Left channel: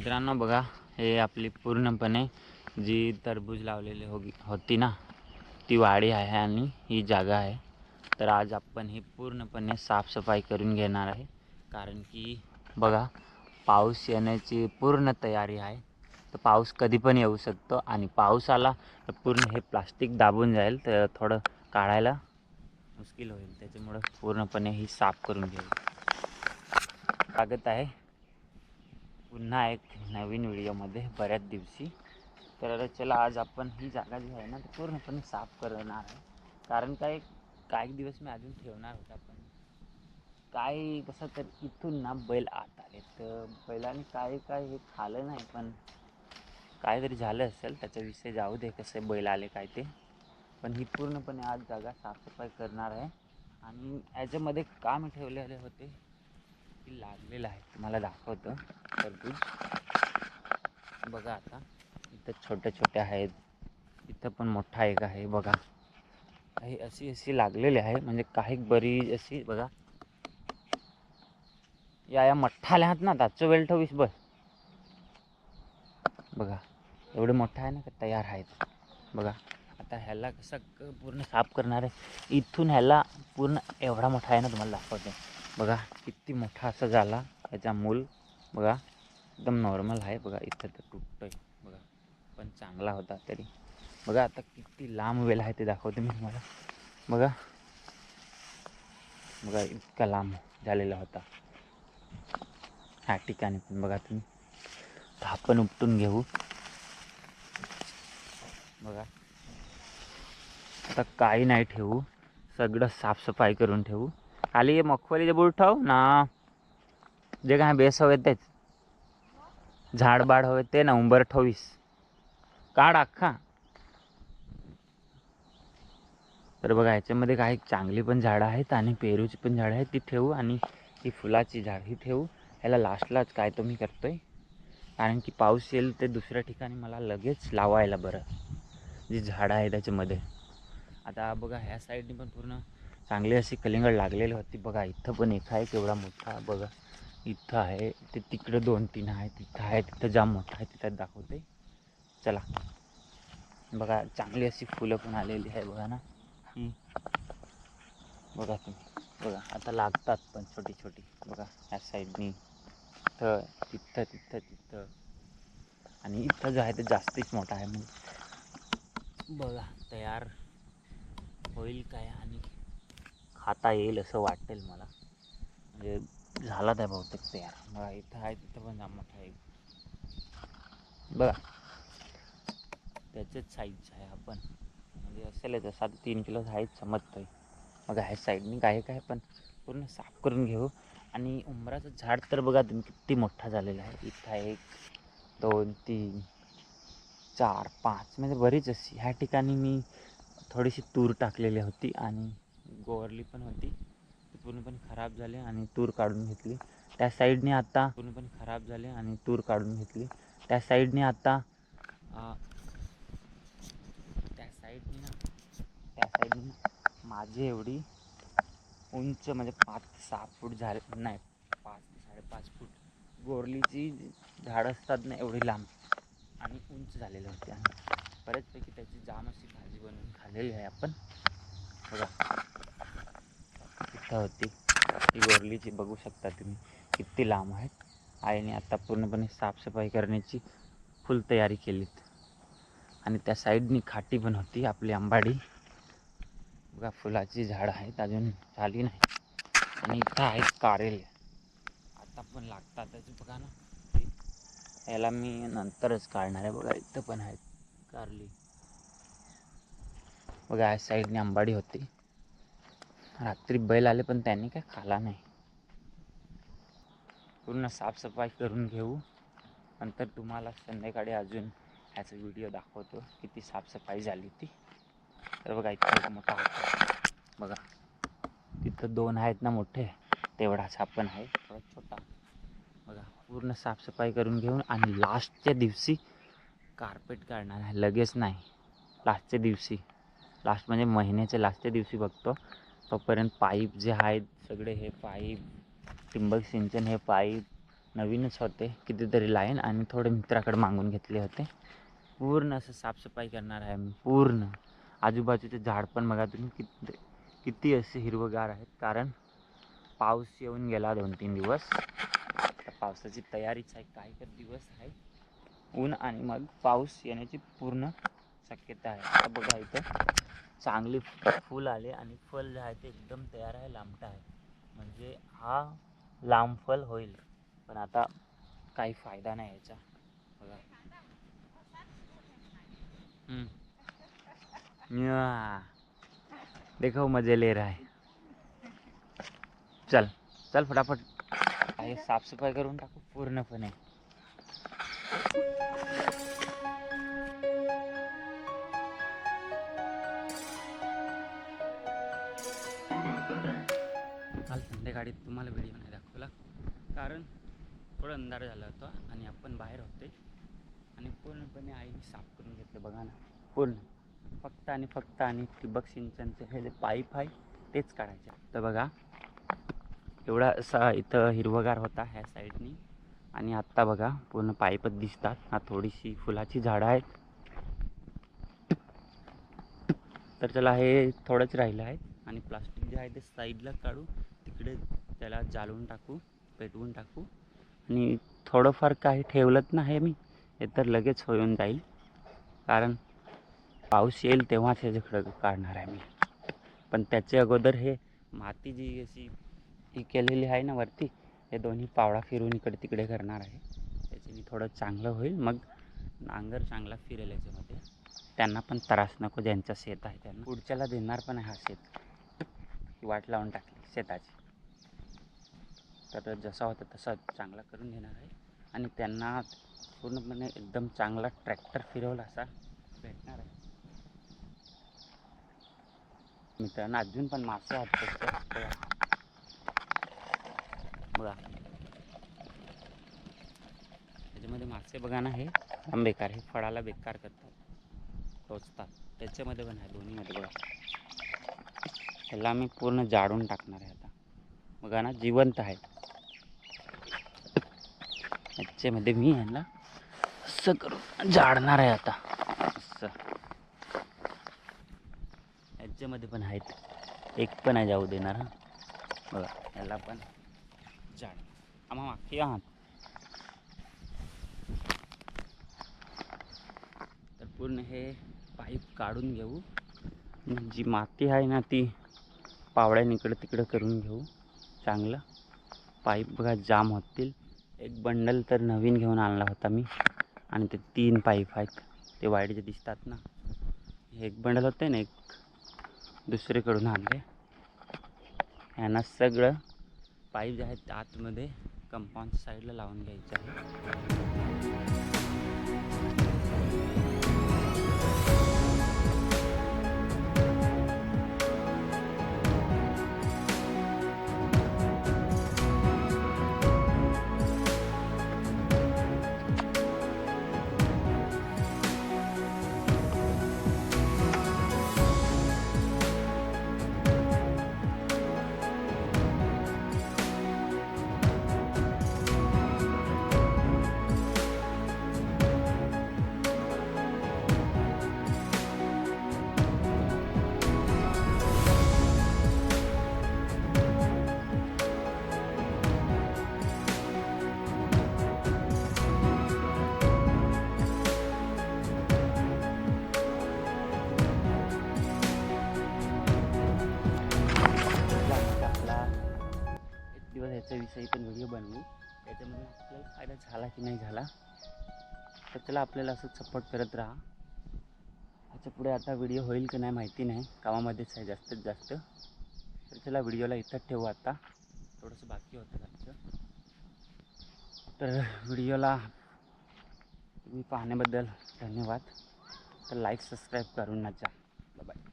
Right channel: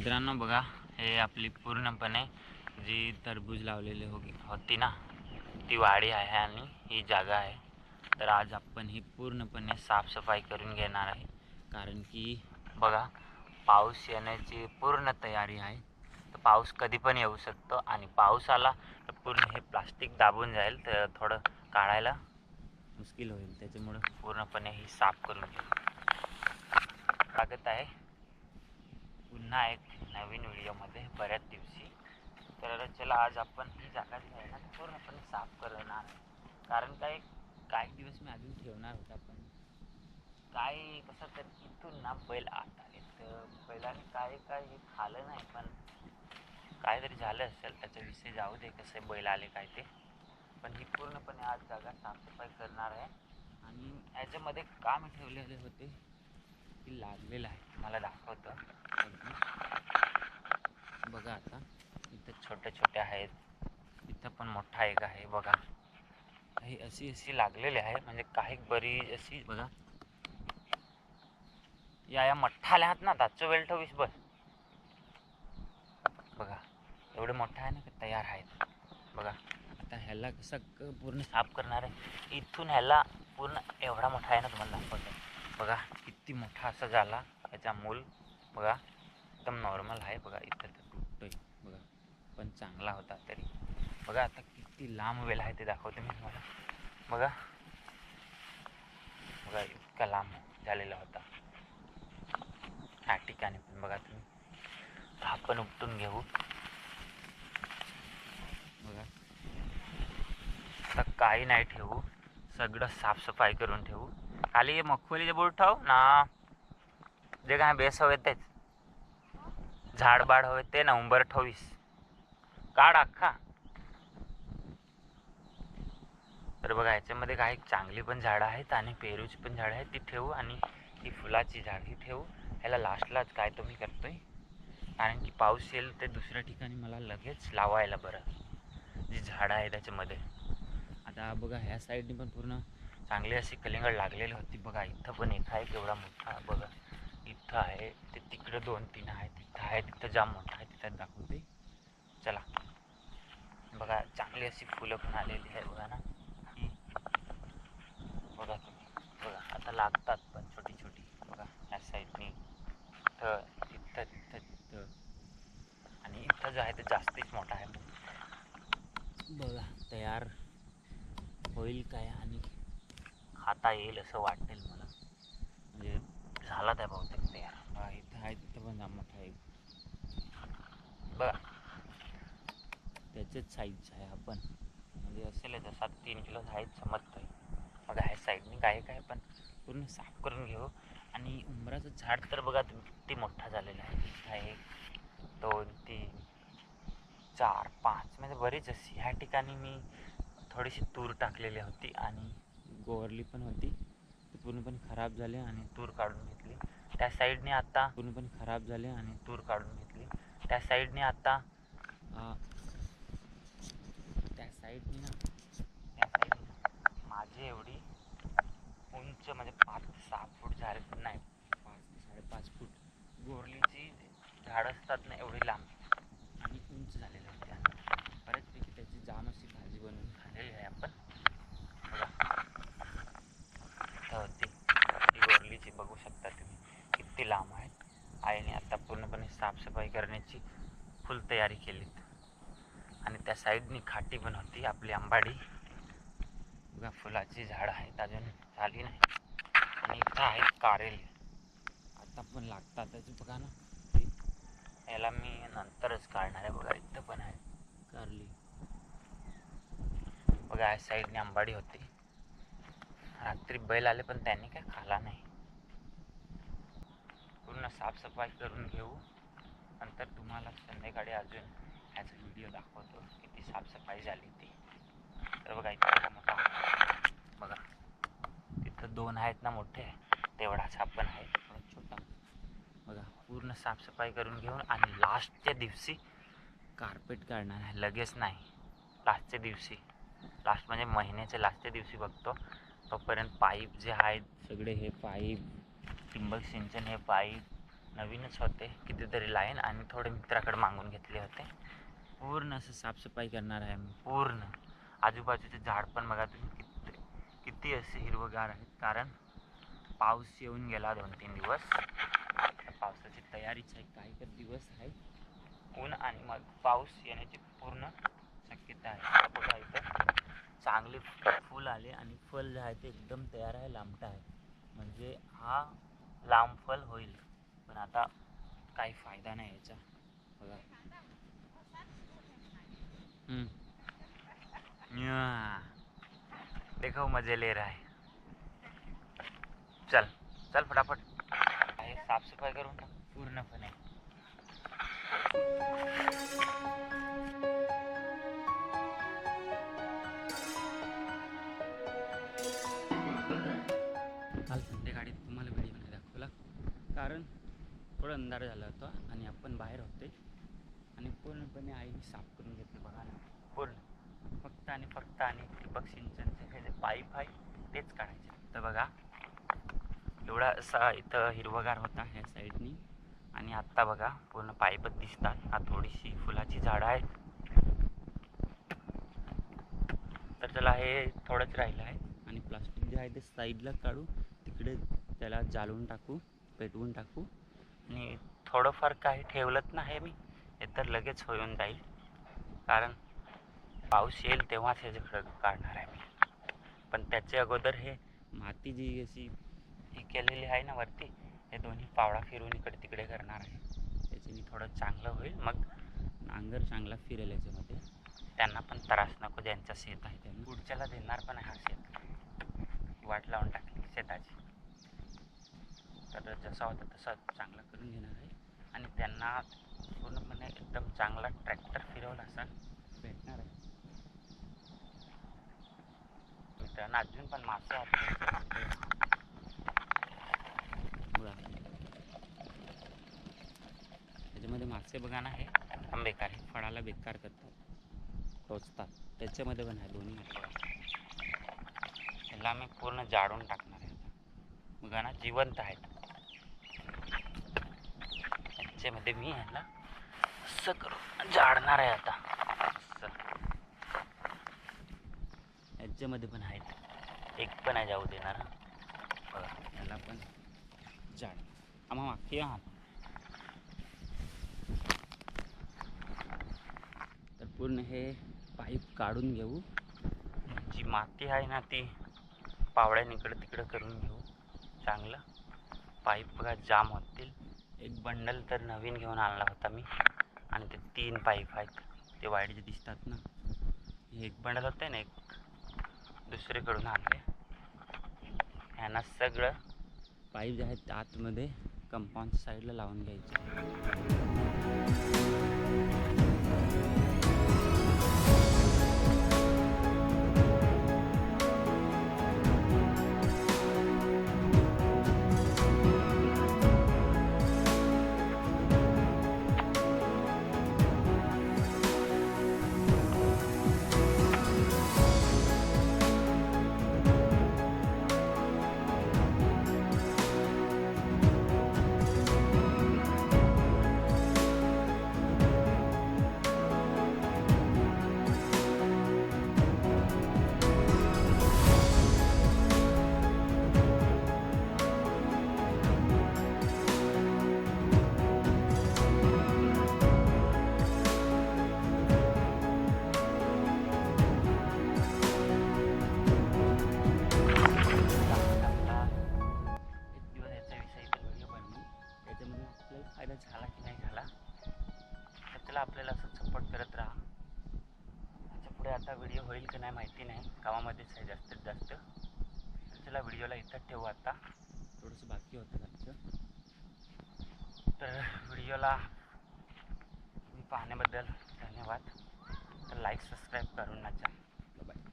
मित्रांनो बघा, हे आपली पूर्णपणे जी टरबूज लावलेली होती ना, ती वाडी आहे आणि ही जागा आहे. तर आज आपण ही पूर्णपणे साफसफाई करून घेणार आहे, कारण की बघा पाऊस येण्याची पूर्ण तयारी आहे. तर पाऊस कधी पण येऊ शकतो आणि पाऊस आला तर पूर्ण हे प्लास्टिक दाबून जाईल, तर थोडं काढायला मुश्किल होईल. त्याच्यामुळं पूर्णपणे ही साफ करून घेऊ. स्वागत आहे पुन्हा एक नवीन व्हिडिओमध्ये बऱ्याच दिवशी. तर चला, आज आपण ही जागा जी आहे ना ती पूर्णपणे साफ करणार आहे. कारण काही दिवस मी अजून ठेवणार होता, पण काय कसं तर इथून ना बैल आत आले, तर बैलांनी काय हे खाल्लं नाही, पण काहीतरी झालं असेल. त्याचा विषय जाऊ दे, कसे बैल आले काय ते. पण ही पूर्णपणे आज जागा साफसफाई करणार आहे. आणि याच्यामध्ये काम ठेवलेले होते की लागलेलं आहे, तुम्हाला दाखवतो. टरबूज बघा, आता इथं छोटे छोटे आहेत, इथं पण मोठा एक आहे बघा. काही अशी लागलेली आहे, म्हणजे काही बरी अशी बघा. या मठ्ठाल्या आहात ना, त्याचं वेल ठेवीस बस बघा. एवढे मोठा आहे ना, का तयार आहेत बघा. आता ह्याला कसं पूर्ण साफ करणार आहे. इथून ह्याला पूर्ण एवढा मोठा आहे ना, तुम्हाला दाखवते बघा किती मोठा असं झाला. याचा मूल बघा एकदम नॉर्मल आहे बघा. इथं तर तुटतोय बघा, पण चांगला होता तरी बघा. आता किती लांब वेल आहे ते दाखवते मी तुम्हाला बघा. बघा इतका लांब झालेला होता. ह्या ठिकाणी पण बघा तुम्ही. तर आपण उपटून घेऊ बघा. आता काही नाही ठेवू, सगळं साफसफाई करून ठेवू. खाली हे मगफळीचे बूट ठेव ना, जे काय बेस हवे तेच झाडबाड हवे ते ना, उंबर ठेवीस काढ अख्खा. तर बघा, याच्यामध्ये काही चांगली पण झाडं आहेत आणि पेरूची पण झाडं आहेत, ती ठेवू. आणि ही फुलाची झाड ही ठेवू. ह्याला लास्टलाच काय तो मी करतोय, कारण की पाऊस येईल ते दुसऱ्या ठिकाणी मला लगेच लावायला बरं, जी झाडं आहे त्याच्यामध्ये. आता बघा, ह्या साईडनी पण पूर्ण चांगली अशी कलिंगड लागलेली होती बघा. इथं पण एक आहे केवढा मोठा बघा. इथं आहे ते, तिकडे 2-3 आहे, तिथं आहे, तिथं जाम मोठा आहे, तिथं दाखवते चला. बघा चांगली अशी फुलं पण आलेली आहे बघा ना ही बघा तुम्ही. बघा आता लागतात पण छोटी छोटी बघा. ह्या साईडनी इथं तिथं तिथं तिथं, आणि इथं जो आहे ते जास्तीच मोठा आहे. म्हणजे बघा तयार होईल काय आणि खाता येईल असं वाटेल मला, म्हणजे झाला त्या बहुतेक तयार. बघा इथं आहे, तिथं पण जाम मोठा आहे बघा. त्याचेच साईज आहे, आपण म्हणजे असेल जसा 3 किलो आहेच समजतोय. बघा ह्या साईडनी गायक आहे, पण पूर्ण साफ करून घेऊ. आणि उंबराचं झाड तर बघा तुम्ही किती मोठा झालेला आहे. इथं 1 2 3 4 5 म्हणजे बरीच अशी. ह्या ठिकाणी मी थोडीशी तूर टाकलेली होती आणि गोवरली पण होती, ती पूर्णपणे खराब झाली आणि तूर काढून घेतली. त्या साईडने आता पूर्णपणे खराब झाले आणि तूर काढून घेतली. त्या साईडने आता त्या साईडने माझी एवढी उंच, म्हणजे 5 ते 6 फूट झाले नाही, 5 ते 5.5 फूट गोरलीची झाडं असतात ना, एवढी लांब आणि उंच झालेली होती. आणि बऱ्याचपैकी त्याची जाम अशी भाजी बनवून खाल्लेली आहे आपण बघा. इथं होती ही गोरलीची, बघू शकता तुम्ही किती लांब आहेत. आईने आता पूर्णपणे साफसफाई करण्याची फुल तयारी केलीत. आणि त्या साईडनी खाटी पण होती आपली आंबाडी बघा. फुलाची झाडं आहेत, अजून झाली नाही. आणि इथं आहेत कारेल, आता पण लागतात त्याची बघा ना. याला मी नंतरच काढणार आहे बघा. इथं पण आहेत कारली बघा. या साईडने आंबाडी होती. रात्री बैल आले, पण त्यांनी काय खाला नाही. पूर्ण साफसफाई करून घेऊ, नंतर तुम्हाला संध्याकाळी अजून ह्याचा व्हिडिओ दाखवतो किती साफसफाई झाली ती. तर बघा इथं एक मोठा होता बघा, तिथं 2 आहेत ना मोठे, तेवढाच हा पण आहे थोडा छोटा बघा. पूर्ण साफसफाई करून घेऊन आणि लास्टच्या दिवशी कार्पेट काढणार आहे, लगेच नाही. लास्टच्या दिवशी, लास्ट म्हणजे महिन्याच्या लास्टच्या दिवशी बघतो. तोपर्यंत पाईप जे आहेत सगळे, हे पाईप ठिबक सिंचन, हे पाईप नवीनच होते, कितीतरी लाईन आणि थोडे मित्राकडे मागून घेतले होते. पूर्ण असं साफसफाई करणार आहे मी पूर्ण. आजूबाजूचे झाड पण बघा तुम्ही किती असे हिरवगार आहेत, कारण पाऊस येऊन गेला 2-3 दिवस. तर पावसाची तयारीच आहे, काही तर दिवस आहे ऊन आणि मग पाऊस येण्याची पूर्ण शक्यता आहे. आता बघा इथं चांगली फूल आले आणि फल जे आहे ते एकदम तयार आहे, लांबटा आहे, म्हणजे हा लांब फल होईल. पण आता काही फायदा नाही याचा. बघा देखो मजे ले रहा है. चल चल फटाफट हे साफसफाई करून टाकू पूर्णपणे. काल संध्याकाळी तुम्हाला व्हिडिओ नाही दाखवला, कारण थोडं अंधार झाला होता आणि आपण बाहेर होते आणि पूर्णपणे आईने साफ करून घेतले. बघा ना, पूर्ण फक्त आणि ठिबक सिंचनचे हे जे पाईप आहे तेच काढायचे. तर बघा एवढा असा इथं हिरवगार होता ह्या साईडनी आणि आत्ता बघा पूर्ण पाईपच दिसतात. हा थोडीशी फुलाची झाडं आहेत. तर त्याला हे थोडंच राहिलं आहे आणि प्लास्टिक जे आहे ते साईडला काढू, तिकडे त्याला जाळून टाकू, पेटवून टाकू आणि थोडंफार काही ठेवलंच नाही मी, हे तर लगेच होऊन जाईल, कारण पाऊस येईल तेव्हाच हे झडं काढणार आहे मी. पण त्याच्या अगोदर हे माती जी अशी ही केलेली आहे ना वरती, हे दोन्ही पावडा फिरून इकडे तिकडे करणार आहे. त्याच्याने थोडं चांगलं होईल, मग नांगर चांगला फिरेल याच्यामध्ये. त्यांना पण त्रास नको, ज्यांचं शेत आहे त्यांना. पुढच्याला देणार पण आहे हा शेत, ही वाट लावून टाकली शेताची. तर जसा होता तसा चांगला करून घेणार आहे आणि त्यांना पूर्णपणे एकदम चांगला ट्रॅक्टर फिरवला असा भेटणार आहे. मित्रांनो अजून पण मासे आहेत बघा, त्याच्यामध्ये मासे बघा ना, हे बेकार, हे फळाला बेकार करतात, टोचतात. त्याच्यामध्ये पण आहे, दोन्हीमध्ये बघा. ह्याला मी पूर्ण जाळून टाकणार आहे आता. बघा ना, जिवंत आहे. ह्याच्यामध्ये मी ह्याला असं करून जाळणार आहे आता. असं ह्याच्यामध्ये पण आहेत, एक पण आहे जाऊ देणार. हा बघा, ह्याला पण जाळ आम्हा मागची आहात. तर पूर्ण हे पाईप काढून घेऊ, जी माती आहे ना ती पावड्याने इकडं तिकडं करून घेऊ चांगलं. पाईप बघा जाम होतील. एक बंडल तर नवीन घेऊन आणला होता मी आणि ते 3 पाईप आहेत, ते वाईटचे दिसतात ना, हे एक बंडल होते ना, एक दुसरीकडून आणले. ह्यांना सगळं पाईप जे आहेत आतमध्ये कंपाऊंड साईडला लावून घ्यायचं आहे. विषयी पण व्हिडिओ बनवू, त्याच्यामध्ये आपल्याला फायदा झाला की नाही झाला, तर त्याला आपल्याला असं सपोर्ट करत राहा. ह्याच्या पुढे आता व्हिडिओ होईल की नाही माहिती नाही, कामामध्येच आहे जास्तीत जास्त. तर त्याला व्हिडिओला इथंच ठेवू, आता थोडंसं बाकी होतं आजचं. तर व्हिडिओला तुम्ही पाहण्याबद्दल धन्यवाद. तर लाईक सबस्क्राईब करून ना जा. बाय.